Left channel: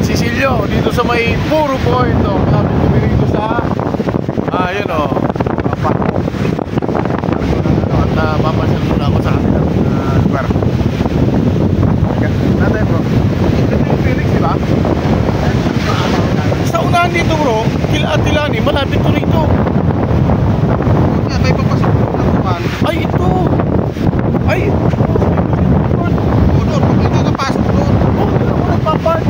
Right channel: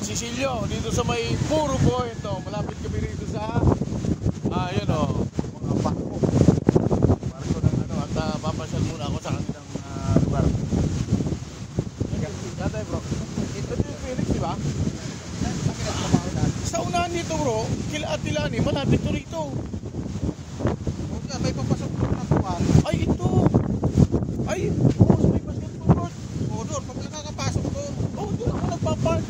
Sisilio, dito sa may Puro Point, no? Malapit kami dito sa yun o, at papasyal muna ako sa akin lugar. Natin bro, ito yung Felix, diba? Sa unahan dito bro, Atilani, malapit to rito. May papasok na naman. Ay, ito. Ay, Doon, ito na pasok doon. nagpapat.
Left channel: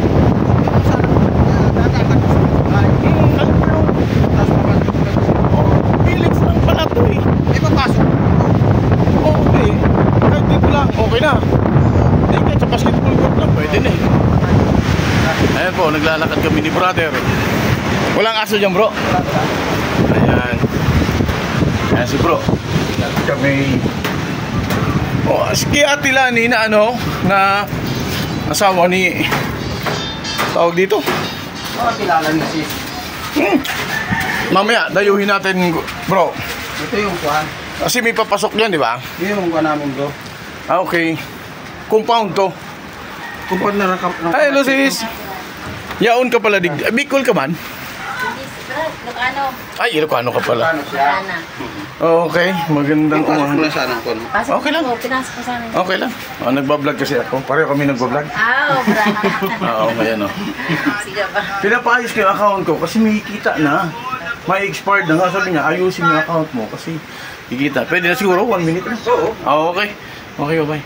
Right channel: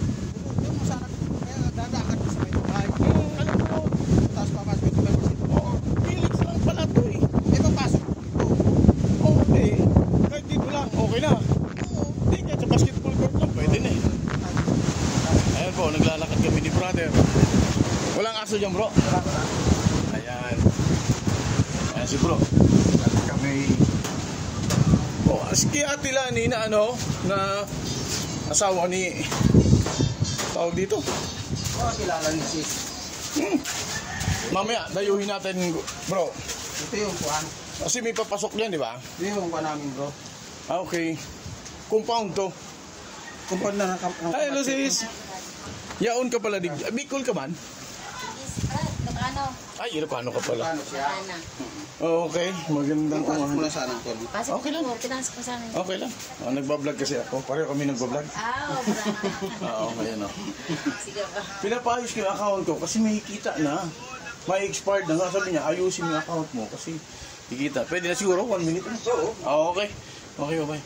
Felix lang pala to eh. May papasok. Okay. Kahit dito lang, okay na. Hindi, kahit sa basketball court lang, pwede na eh. Ayan po, naglalakad kami ni brother. Walang aso dyan bro. Ayan. Ayan si bro. Naglalakad kami. Si Atilani na ano, na asawa ni tawag dito. Kilala ni sis. Mamaya, dayuhin natin bro. Ito yung kuha. Kasi may papasok yan, di ba? Yung kuha namin bro. Okay. Compound to. Kumpad na rakap. Ay, hello sis. Yaon ka pala. Bicol ka man? Ilocano. Ay, Ilocano ka pala. Ano siya? Okay, magandang Pasok umaga. na sana kon. Pasok Okay lang. ko, pinasok ko sana. Okay lang. Nagbablog kasi ako. Pareho kami nagbablog. Oo, ayan o. Sige ba? Pinapaayos ko yung account ko kasi may kita na. May expired na nga. Sabi niya, ayusin mo yung account mo kasi kikita. Pwede na siguro, 1 minute na. Oo. Okay. Okay, bye.